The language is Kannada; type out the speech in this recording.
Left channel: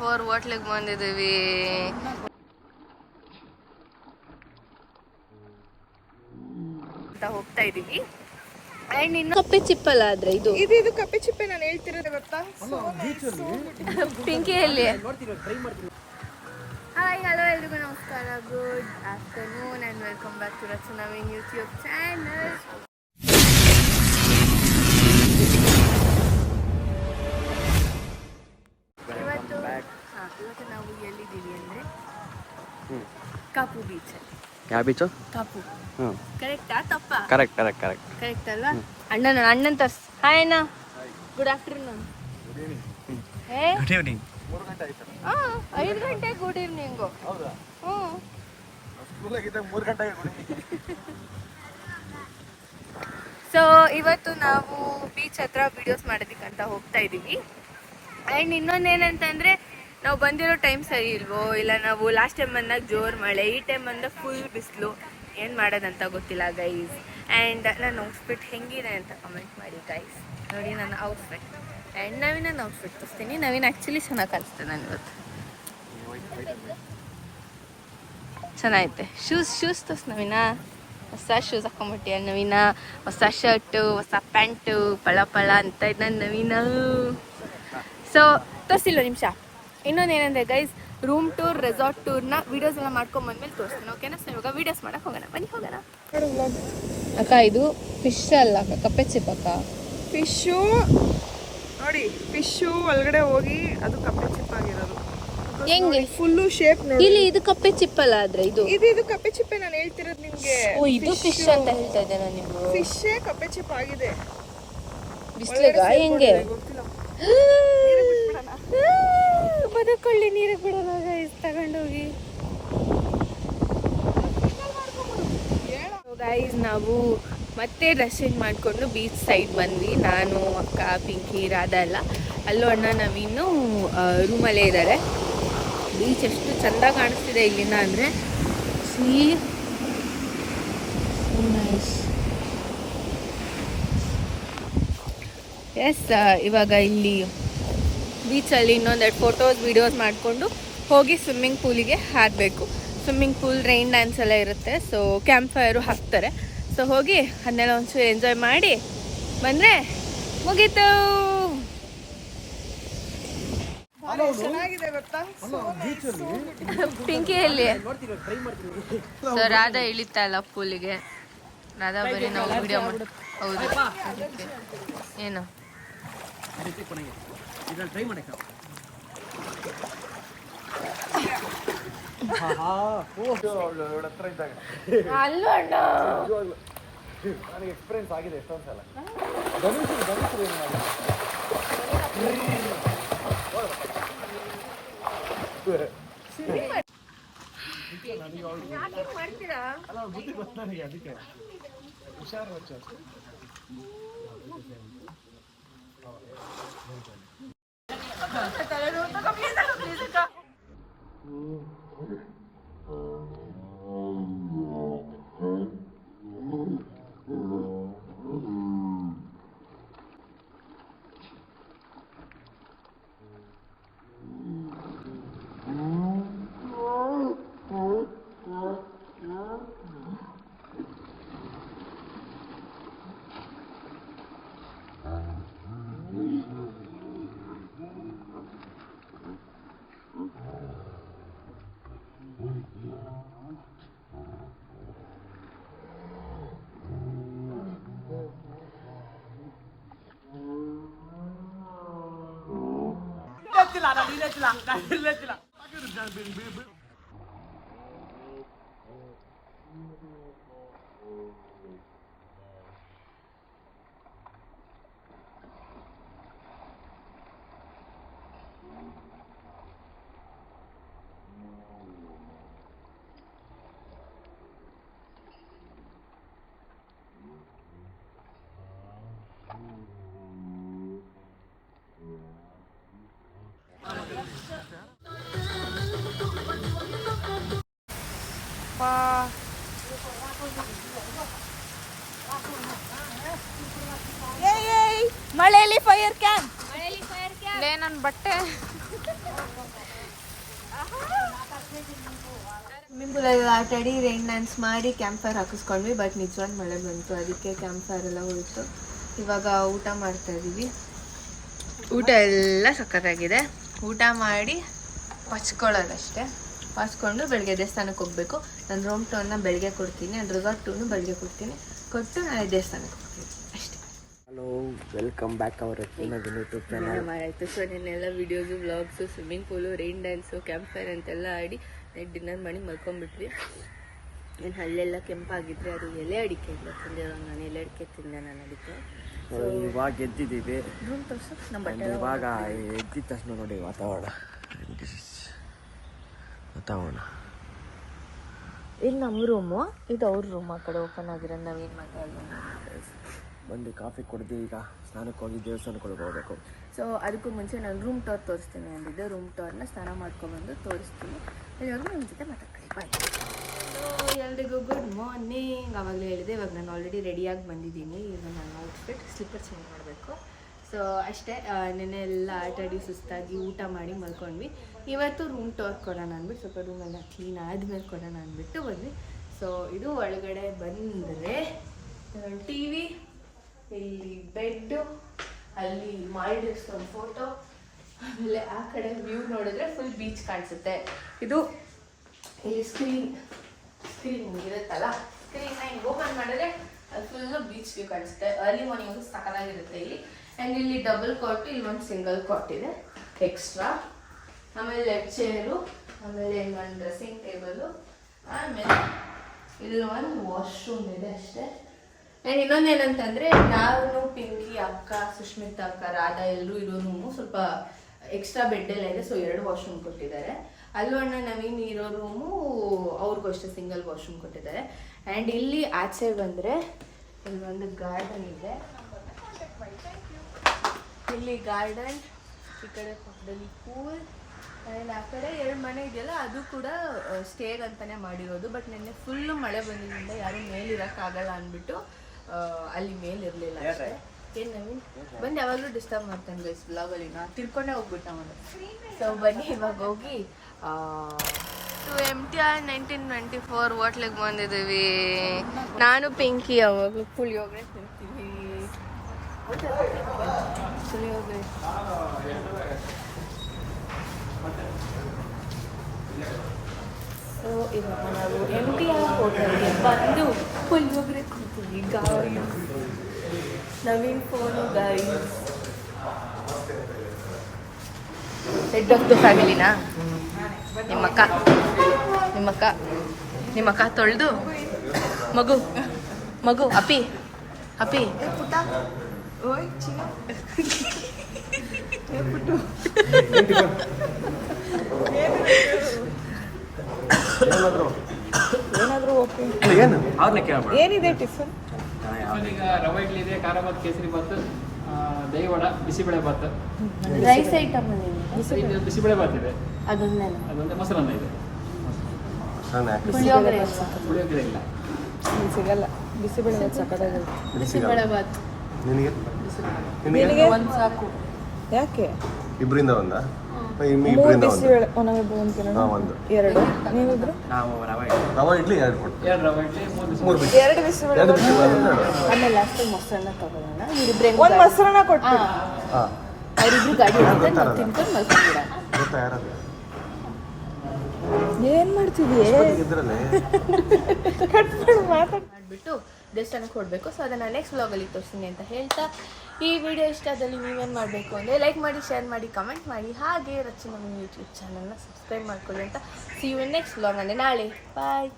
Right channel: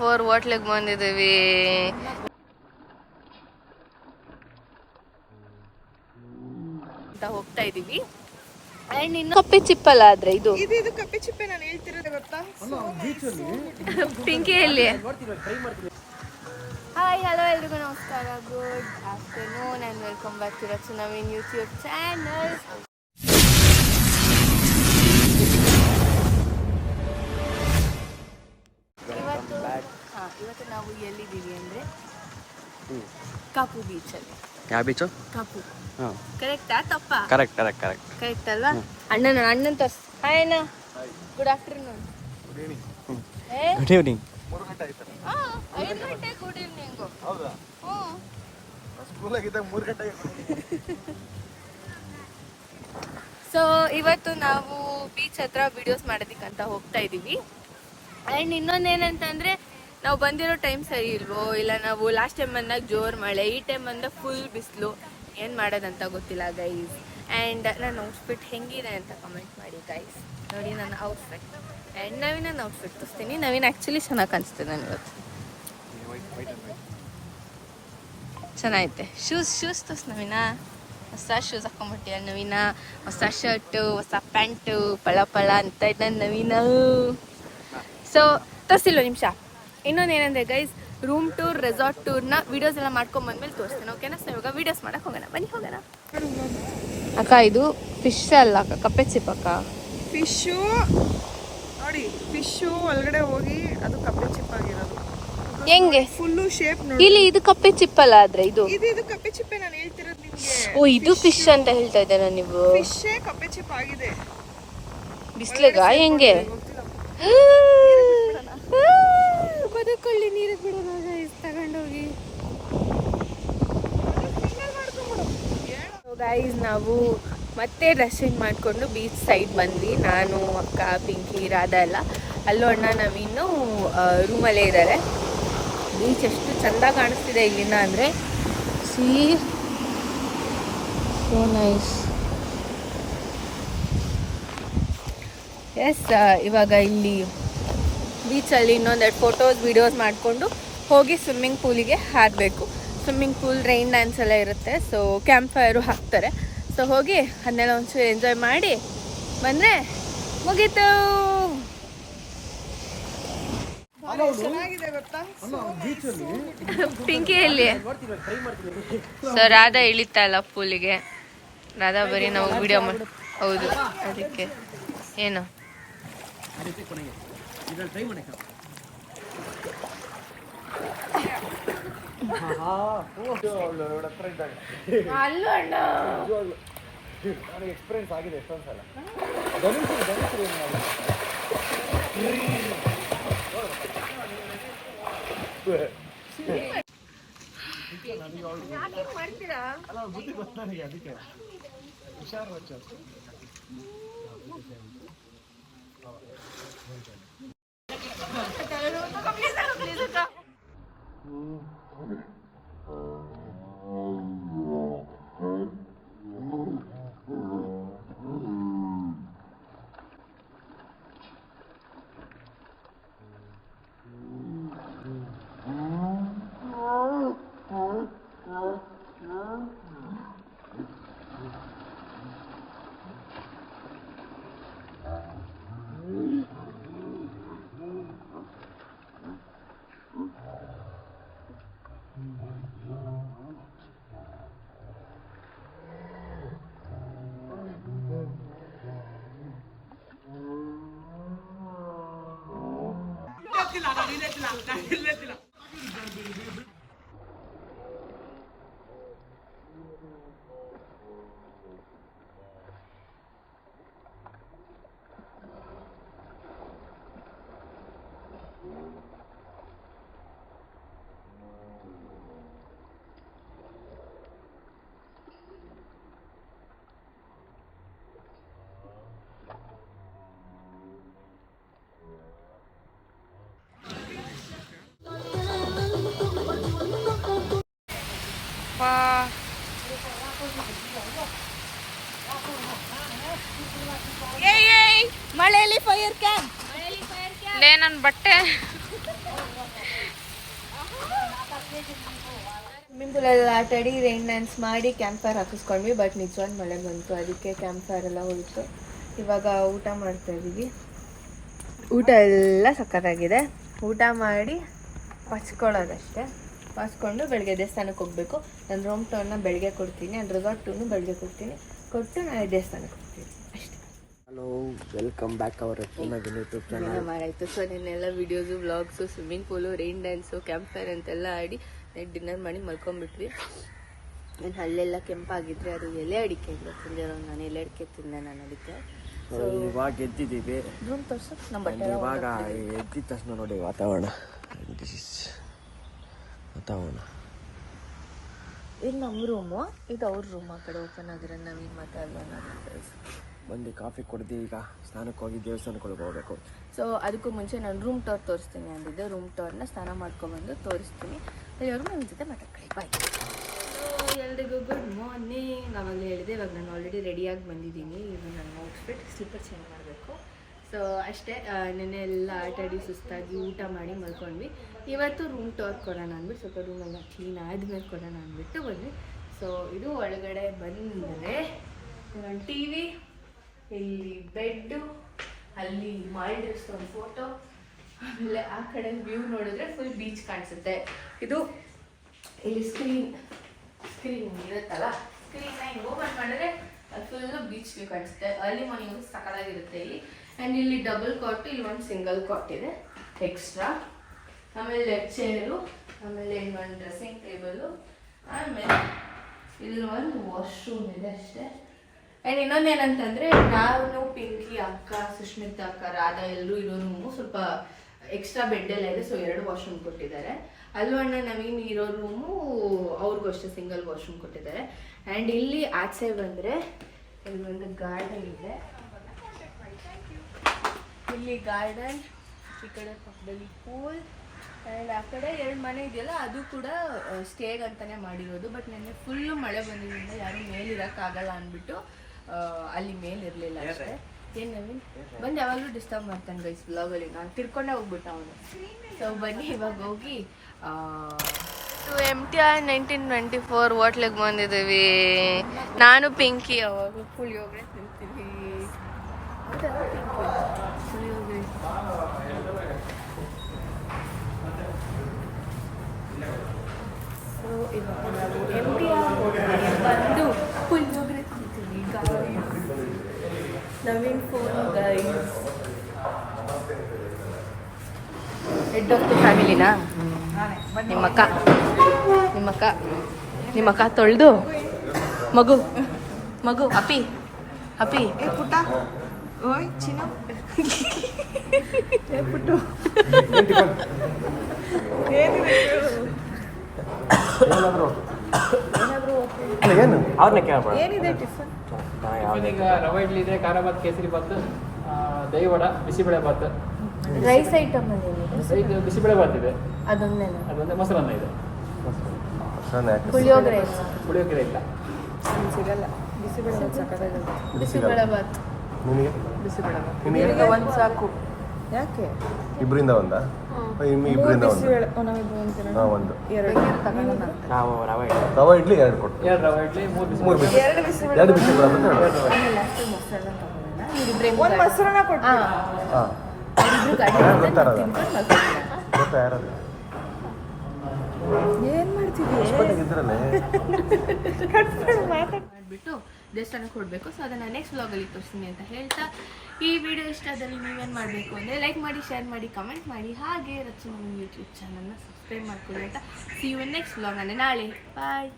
ಹೋಟ್ಲಿಗೆ ಬಂದಿದ್ದೀವಿ. ಅಂತ ಹೋಗ್ತಾ ಇದೀವಿ. ಅಂಡ್ ಇನ್ನು ಕಪ್ಪೆ ಚಿಪ್ಪಲ್ಲ ಆದ್ರೆ ಇದು ಕಪ್ಪೆ ಚಿಪ್ಪೆ ನಾನು ಹೇಳ್ತಿರೋದು ಗೊತ್ತಾ? ಪಿಂಕಿಯಲ್ಲಿ. ಹಾಯ್ ಹಲೋ ಎಲ್ರಿಗೂ ನಮಸ್ಕಾರ, good afternoon and welcome back to Rachu Naveen YouTube channel. ಇವತ್ತು ನಾವು ಎಲ್ಲಿದ್ದೀವಿ ಅಂದರೆ ಕಾಪು ಬೀಚಲ್ಲಿ. ಯಾವ ಬೀಚು? ಕಾಪು. ಕರೆಕ್ಟಾ ತಪ್ಪಾ? ಕರೆಕ್ಟ್ ಅಲ್ವಾ? ಅಣ್ಣನ ತರ್ಸ್. ಹಾಯ್ ಅಣ್ಣ, ಗುಡ್ ಆಫ್ಟರ್ನೂನ್. Good evening. 5 ಗಂಟೆ ಗುಡ್ ಈವ್ನಿಂಗ್. ಹೌದಾ? ಸ್ಕೂಲಾಗಿದ್ದಾಗ 3 ಗಂಟೆ. ಸೊ ಇವತ್ತು ನಾವು ಬೀಚ್ ಹತ್ರ ವಿಡಿಯೋಸ್ ಮಾಡೋದಕ್ಕಂತ ಹೋಗ್ತಾ ಇದ್ದೀವಿ. ಆ್ಯಂಡ್ ಇನ್ನೊಂದೇನಂತಂದರೆ ನಾವು ಬಂದಿರೋ ಟೈಮ್ ಸರಿ ಇಲ್ವೋ, ಇಲ್ಲ ನಾವು ಲಾಸ್ಟ್ ಟೈಮ್ ಬಂದಾಗ ಜೋರು ಮಳೆ, ಈ ಟೈಮ್ ಬಂದಾಗ ಫುಲ್ ಬಿಸಿಲು, ಏನು ಮಾಡೋದಂತ ಗೊತ್ತಿಲ್ಲ ಗೈಸ್. ಆ್ಯಂಡ್ ನನ್ನ ಔಟ್ಫಿಟ್ ಹೆಂಗಿದೆ ಅಂತ ಕಮೆಂಟ್ ಮಾಡಿ ಗೈಸ್. ನೋಡಿ ನನ್ನ ಔಟ್ಫಿಟ್ ಆ್ಯಂಡ್ ನವೀನ ಔಟ್ಫಿಟ್ ತೋರಿಸ್ತೀನಿ. ನವೀನ್ ಆ್ಯಕ್ಚುಲಿ ಚೆನ್ನಾಗಿ ಕಾಣಿಸ್ತು ನಾನು ಇವತ್ತು. ಚೆನ್ನಾಗೈತೆ. ಶೂಸ್ ತೋರ್ಸ್ ನವೀನ. ಹೊಸ ಶೂಸ್ ಹಾಕೊಂಬಿಟ್ಟಿಯ ನವೀನ, ಹೊಸ ಶರ್ಟು, ಹೊಸ ಪ್ಯಾಂಟು, ಪಳ ಅಂತ ಇದ್ದಾನೆ ನವೀನ. ಸೊ ತೋರಿಸಿಲ್ವ ನಿಮಿಷ. ಇನ್ನೊಂದೇನಂದರೆ ಗೈಸ್, ರೂಮ್ ಟೂರ್, ರೆಸಾರ್ಟ್ ಟೂರ್ನ ವೀಡಿಯೋಸ್ ಎಲ್ಲ ಮಾಡ್ಕೊಂಬಂದ್ಮೇಲೆ ತೋರಿಸ್ತೀನಿ, ಓಕೆನಾ? ಸೊ ಇವಾಗ ವೀಡಿಯೋಸ್ ಮಾಡಕ್ಕೆ ಹೋಗೋಣ, ಬನ್ನಿ ಹೋಗೋಣ. ಅಕ್ಕ ಇದು ಫಿಶ್ ಅಲ್ಲ ಅಕ್ಕ, ಕಪ್ಪೆ ಚಿಪ್ ಅಕ್ಕ. ಫಿಶು ನೋಡಿ, ಫಿಶು ಒಳಗಡೆ ಹೋಗಿ ಅದು ಕಪ್ಪೆ ಚಿಪ್ ಆಗಿರೋದು. ಹೆಂಗೆ ಫುಲ್ಲು ಶೇಪ್ ಇಲ್ಲಿ ಇದು ಕಪ್ಪೆ ಚಿಪ್ ಅಲ್ಲ ಆದ್ರೆ ಇದು ಕಪ್ಪೆ ಚಿಪ್ಪೆ ನಾನು ಹೇಳ್ತಿರೋದು ನಿಮ್ಗೆ. ಓ ಇದು ಫಿಶ್ ಅಂತ ಹೇಳ್ತಾ ಇದ್ದೇನೆ ನೀವು? ಫಿಶೇ ಕಪ್ಪೆ ಚಿಪ್ ಆಗಿದೆ. ಬಿಸ್ಲಿಗ ಹೆಂಗೆ ಬದುಕೊಳ್ಳಿ, ನೀರಿಗೆ ಬಿಡೋಣ ತಗೊಂಡೋಗಿ. ಗೈಸ್ ನಾವು ಮತ್ತೆ ಡ್ರೆಸ್ ಚೇಂಜ್ ಮಾಡಿಕೊಂಡು ಬೀಚ್ ಸೈಡ್ ಬಂದ್ವಿ. ನಾನು, ಅಕ್ಕ, ಪಿಂಕಿ, ರಾಧಾ ಎಲ್ಲ. ಅಲ್ಲೂ ಅಣ್ಣ ನವೀನು ರೂಮಲ್ಲೇ ಇದ್ದಾರೆ. ಬೀಚ್ ಎಷ್ಟು ಚಂದ ಕಾಣಿಸ್ತಿದೆ ಇಲ್ಲಿಂದ ಅಂದರೆ, ಸೀ ಸೋ ನೈಸ್. ಎಸ್, ಇವಾಗ ಇಲ್ಲಿ ಬೀಚಲ್ಲಿ ಇನ್ನೊಂದೆರಡು ಫೋಟೋಸ್ ವೀಡಿಯೋಸ್ ಮಾಡಿಕೊಂಡು ಹೋಗಿ ಸ್ವಿಮ್ಮಿಂಗ್ ಪೂಲಿಗೆ ಹಾರಬೇಕು. ಸ್ವಿಮ್ಮಿಂಗ್ ಪೂಲ್, ರೈನ್ ಡ್ಯಾನ್ಸ್ ಎಲ್ಲ ಇರುತ್ತೆ. ಸೊ ಕ್ಯಾಂಪ್ ಫೈರು ಹಾಕ್ತಾರೆ. ಸೊ ಹೋಗಿ ಅದನ್ನೆಲ್ಲ ಒಂಚೂರು ಎಂಜಾಯ್ ಮಾಡಿ ಬಂದರೆ ಮುಗೀತು. ಪಿಂಕಿಯಲ್ಲಿ. ಸೊ ರಾಧಾ ಇಳಿತಾ ಇಲ್ಲ ಪೂಲಿಗೆ. ರಾಧಾ ಬರೀ ನಾವು ವಿಡಿಯೋ ಮಾಡಿ. ಹೌದು, ಅದಕ್ಕೆ ಏನು ನನಗೆ ಎಕ್ಸ್ಪೀರಿಯನ್ಸ್ ಆಗಿದೆ ಎಷ್ಟೊಂದು ಸಲ. ಅಲ್ಲ ಬುದ್ಧಿ ಗೊತ್ತು ನನಗೆ, ಅದಕ್ಕೆ ಹುಷಾರು ವಚ್ಚ. ಮಳೆಯಲ್ಲಿ ಫೈರ್ ಕ್ಯಾಂಪ್. ನನ್ನ ಬಟ್ಟೆ ಸ್ವಿಮ್ಮಿಂಗ್ ಪೂಲಲ್ಲಿ ಆಟ ಆಡಿ ರೈನ್ ಡ್ಯಾನ್ಸ್ ಮಾಡಿ ಕ್ಯಾಂಪ್ ಫೈರ್ ಹಾಕಿಸ್ಕೊಂಡ್ವಿ. ಬಟ್ ನಿಜವಾದ ಮಳೆ ಬಂತು, ಅದಕ್ಕೆ ಕ್ಯಾಂಪ್ ಫೈರ್ ಎಲ್ಲ ಹೋಯಿತು. ಇವಾಗ ಊಟ ಮಾಡ್ತಾ ಇದ್ದೀವಿ. ಊಟ ಎಲ್ಲ ಸಖತ್ತಾಗಿದೆ. ಊಟ ಮಾಡಿ ಮಚ್ಕೊಳ್ಳೋದಷ್ಟೇ. ಮಚ್ಕೊಂಡು ಬೆಳಗ್ಗೆ ದೇವಸ್ಥಾನಕ್ಕೆ ಹೋಗಬೇಕು. ನನ್ನ ರೂಮ್ ಟೂರ್ನ ಬೆಳಗ್ಗೆ ಕೊಡ್ತೀನಿ, ನನ್ನ ರೆಸಾರ್ಟ್ ಟೂರ್ನು ಬೆಳಗ್ಗೆ ಕೊಡ್ತೀನಿ. ಕೊಟ್ಟು ನಾಳೆ ದೇವಸ್ಥಾನಕ್ಕೆ ಹೋಗ್ತೀನಿ ಅಷ್ಟೇ. Hello, welcome back our YouTube channel. ಮಾಡಾಯಿತು. ಸೊ ನಿನ್ನೆಲ್ಲ videos, vlogs, swimming pool, rain dance, camp fire ಅಂತೆಲ್ಲ ಆಡಿ ನೈಟ್ ಡಿನ್ನರ್ ಮಾಡಿ ಮಲ್ಕೊಂಡ್ಬಿಟ್ವಿ. ಇನ್ನು ಅಲ್ಲೆಲ್ಲ ಕೆಂಪಾಗಿದ್ರೆ ಅದು ಎಲೆ ಅಡಿಕೆ ಇಲ್ಲ ತಿಂದಿರೋ. ನಾನು ಎಲೆ ಅಡಿಕೆ ತಿಂದೆ. ನಾನು ಅದಕ್ಕೆ ಇವಾಗ ಎದ್ದಿದ್ದೀವಿ. ರೂಮ್ ತೋರಿಸು. ನಮ್ಮ ಬಟ್ಟೆ ಇವಾಗ ಎದ್ದಿದ ತಕ್ಷಣ ನೋಡಿ ವಾತಾವರಣ. ಇದು ನಮ್ಮ ರೂಮು, ಇದು ಅವ್ರ ರೂಮ್. ಆ ಕಡೆ ಓಪನ್ ಆಗಿರೋದು ನಾವೇನು ಮಾತಾಡೋಣ. ಬಂದು ಕಾಫಿ ಕುಡ್ದು ಈಗ ಸ್ನಾನಕ್ಕೆ ಹೋಗಿ ದೇವಸ್ಥಾನಕ್ಕೆ ಹೋಗಬೇಕು. ಸೊ ಅದಕ್ಕೂ ಮುಂಚೆ ನಾನು ರೂಮ್ ಟೂರ್ ತೋರಿಸ್ತೀನಿ ಅಂದಿದ್ದೆ. ರೂಮ್ ಟೂರ್ನ ಸ್ನಾನ ಮಾಡ್ಕೊಬಂದು ತೋರಿಸ್ತೀನಿ. ಇವಾಗ ನನ್ನ ಜೊತೆ ಮಾತಾಡ್ತೀನಿ. ಬಾಯ್. ಸೊ ಎಲ್ರಿಗೂ ಗುಡ್ ಮಾರ್ನಿಂಗ್. ಆವಾಗಲೇ ಹೇಳಿದೆ, ಇವಾಗ ನಾನು ಆಲ್ರೆಡಿ ರೆಡಿಯಾಗಿ ಬಂದಿದ್ದೀನಿ. ಈಗ ನನ್ನ ಔಟ್ಫಿಟ್ ಸ್ಲಿಪ್ಪರ್ ಚೇಂಜ್ ಮಾಡಬೇಕು. ಸೊ ಅಷ್ಟೇ. ನೆನ್ನೆ ಎಲ್ಲ ಆಟಾಡಿ ಸುಸ್ತಾಗಿ ಊಟ ಮಾಡಿ ಮಲ್ಕೊಂಡ್ವಿ. ಇವತ್ತು ರೂಮ್ ಟೂರ್ ಕೊಡೋಣ ಅಂದ್ಬಿಟ್ಟು ಸ್ವಲ್ಪ ರೂಮೆಲ್ಲ ಕ್ಲೀನ್ ಆದಮೇಲೆ ಕೊಡೋಣ ಅಂದ್ಬಿಟ್ಟು ಬಂದ್ವಿ. ಸೊ ಇದು ಒಳಗಡೆ ಬಂದರೆ ಒಂದು ಟಿ ವಿ, ಇಲ್ಲಿ ಬೆಡ್ಡು, ಅಲ್ಲಿ ಮಾಲ್ಡೀವ್ಸ್ ಒಂದು ಫೋಟೋ, ಆಮೇಲೆ ಆ ಕಡೆ ವ್ಯೂ ನೋಡಿದ್ರೆ ಫುಲ್ ಬೀಚ್ ಕಾಣಿಸುತ್ತೆ. ಇದು ಇಲ್ಲಿ ಸ್ಕ್ರೀನ್ ಇರುತ್ತಲ್ಲ, ಸ್ಕ್ರೀನ್ನ ಹಿಂಗೆ ಓಪನ್ ಮಾಡಿದ್ರೆ ಫುಲ್ಲು ಬೀಚ್ ವ್ಯೂ ಕಾಣಿಸುತ್ತೆ. ಅರ್ಲಿ ಮಾರ್ನಿಂಗ್ ಸಕ್ಕತ್ತಾಗಿರುತ್ತೆ ಇಲ್ಲಿ. ಆ್ಯಂಡ್ ಇಲ್ಲಿ ಡಬಲ್ ಕಾಟ್, ಇಲ್ಲಿ ಒಂದು ಸಿಂಗಲ್ ಕಾಟ್ ಇದೆ ಎಕ್ಸ್ಟ್ರಾ. ಆಮೇಲೆ ಲೆಫ್ಟ್ ಚೇರು, ಆಮೇಲೆ ಒಂದು ಡ್ರೆಸ್ಸಿಂಗ್ ಟೇಬಲು, ಆಮೇಲೆ ಇಲ್ಲಿ ಒಂದು ವಾಶ್ರೂಮ್ ಇದೆ ಅಷ್ಟೇ. ಆ್ಯಂಡ್ ಇನ್ನೊಂದೇನಂತಂದರೆ ನಾನು, ಪಿಂಕಿ, ಅಕ್ಕ, ಸುಷ್ಮಿತಾ ಅಕ್ಕ, ರಾಧಾ ಎಲ್ಲರೂ ಇರೋ ರೂಮು ಸ್ವಲ್ಪ ಎಕ್ಸ್ಟ್ರಾ ಬೆಡ್ ಎಲ್ಲ ಇದೆ. ಸೊ 2 ವಾಶ್ರೂಮ್ ಕೊಟ್ಟಿದ್ದಾರೆ. ಅಲ್ಲೂ ಅಣ್ಣ ನವೀನ್ ಇರೋ ರೂಮು ಅವ್ರಿಗೂ ಅಷ್ಟೇ ಸಿಂಗಲ್ ವಾಶ್ರೂಮ್ ಕೊಟ್ಟಿದ್ದಾರೆ. ಆ್ಯಂಡ್ ಇಲ್ಲಿ ಆಚೆ ಬಂದರೆ ಇಲ್ಲಿ ಒಂದು ಗಾರ್ಡನ್ ಇದೆ. ಇಲ್ಲಿ ಗಾರ್ಡನ್, ಈ ಕಡೆ ಪಕ್ಕದಲ್ಲಿ ಪೂಲ್, ಆ್ಯಂಡ್ ಆ ಕಡೆ 2 ಮನೆ ಇದೆಯಲ್ಲ ಅದು ಕೂಡ ಸ್ಟೇಗ್ ಅಂತಲೇ ಮಾಡಿರೋದು. ಬಟ್ ನೆನ್ನೆ ಫುಲ್ಲು ಮಳೆ ಬಂದಿದ್ದರಿಂದ ಯಾರೂ ಮೇಲಿರೋಕ್ಕಾಗಲ್ಲ ಅಂದ್ಬಿಟ್ಟು ಅಲ್ಲಿ ಮೇಲಿರಲಿಲ್ಲ ಅಷ್ಟೇ. ಏನು ನವೀನ್ ಬಂದು ಯಾವಾಗಲೂ ಡಿಸ್ಟರ್ಬ್ ಮಾಡ್ತಾನೆ ಗೈಸ್ ಬ್ಲಾಗಲ್ಲಿ. ನಾನು ತಿರ್ಕೊಂಡೇ ಹೋಗ್ಬಿಟ್ಟು ಅವನು. ಸೊ ಬನ್ನಿ ಇವಾಗ ಹೋಗಿ MTR 1924 ಹೋಟ್ಲಿಗೆ ಬಂದಿದ್ದೀವಿ. ನಾನು ಪಿಂಕಿ ಅವಾಗ ಪುಳಿಯೋಗರೆ ತಿಂತೀವಿ. ಪುಳಿಯೋಗರೆ ಸೊ ಇವಾಗ ನಾವು MTR ಹೋಟೆಲ್ಗೆ ಬಂದು ಪುಳಿಯೋಗರೆ ತಿಂತೀವಿ. ಗಾಳಿ, Naveen phone guys. Head of the ಫ್ಯಾಮಿಲಿನಾ ನಿಮ್ಮ ಅಕ್ಕ ತೊಳೆದು ಮಗು ಅಪ್ಪಿ ಏನಿದೆ ಟಿಫನ್? ರವೆ ಇಡ್ಲಿ ಇದೆ, ಖಾರ ಬಾತ್, ಕೇಸರಿ ಬಾತ್, ದಹಿ ವಡ, ಬಿಸಿಬೇಳೆ ಬಾತ್, ರೈಸ್ ಐಟಮ್ ಅಲ್ಲಿ ಬಿಸಿಬೇಳೆ ಬಾತ್ ಇದೆ. ಅದೊಂದೇ ಮೊಸರನ್ನ ಇದೆ. ಪುಳಿಯೋಗರೆ ಪುಳಿಯೋಗರೆ ಇಲ್ಲ, ಸಿಗಲ್ಲ. ಬಿಸಿಬೇಳೆ ಬಾತ್ ನಿನಗೆ ಒಂದು ಸಾಕು. ಯಾಕೆ? ಇಬ್ಬರಿಂದ ಒಂದಾ? ಇಬ್ಬರಿಂದ ಒಂದು. ಒಂದು ನಾವು ರವೆ ಇಡ್ಲಿ 2 ಕೊಟ್ಟು 3 ಬಿಸಿ 2 ಬಿಸಿ ಬರೋದು. ಆಮೇಲೆ ಲಾಸ್ಟ್ ಮೊಸರನ್ನ ತಗೊಳ್ಳೋಣ. ಇವರಿಬ್ರು ಒಂದು ಮೊಸರನ್ನ ಕೊಟ್ಟು ಹಾಂ, ಅವರಿಬ್ರು ಗಾಡಿ ಗೊತ್ತಾರಲ್ಲ. ತಿನ್ಕೊಂಡು ಮಲ್ಕೊಂಡ್ಬಿಡ. ಗೊತ್ತಾ ಯಾರಲ್ಲ? ಏನ್ ಮಾಡ್ತಿದ್ವಿ? ಹೊಸಪೇಟೆಗೆ ಇದ್ರಲ್ಲೇ ಮಾಡಿಬಿಟ್ಟು ದೇವಸ್ಥಾನಕ್ಕೆ ಕೊಡಬೇಕು. ಸೊ ಅದನ್ನು ನೆಕ್ಸ್ಟ್ ವ್ಲಾಗಲ್ಲಿ ತೋರಿಸ್ತೀನಿ ಅಂತ ಹೇಳ್ತಾ, ಈ ವಿಡಿಯೋ ಇಷ್ಟ ಆದಲ್ಲಿ ನೀವೇನು ಮಾಡಬೇಕು ಅಂದರೆ ಲೈಕ್ ಮಾಡಿ, ಶೇರ್ ಮಾಡಿ, ಕಮೆಂಟ್ ಮಾಡಿ, ಹಾಗೆ ರಚನಾ ನಮ್ಮ ಯೂಟ್ಯೂಬ್ ಚಾನಲ್ನ ಸಬ್ಸ್ಕ್ರೈಬ್ ಮಾಡ್ಕೊಳ್ಳಿ ಅಂತ. ಸಿ ಯು ನೆಕ್ಸ್ಟ್ ವ್ಲಾಗ್ ಅಂದರೆ ನಾಳೆ. ಬಾಯ್.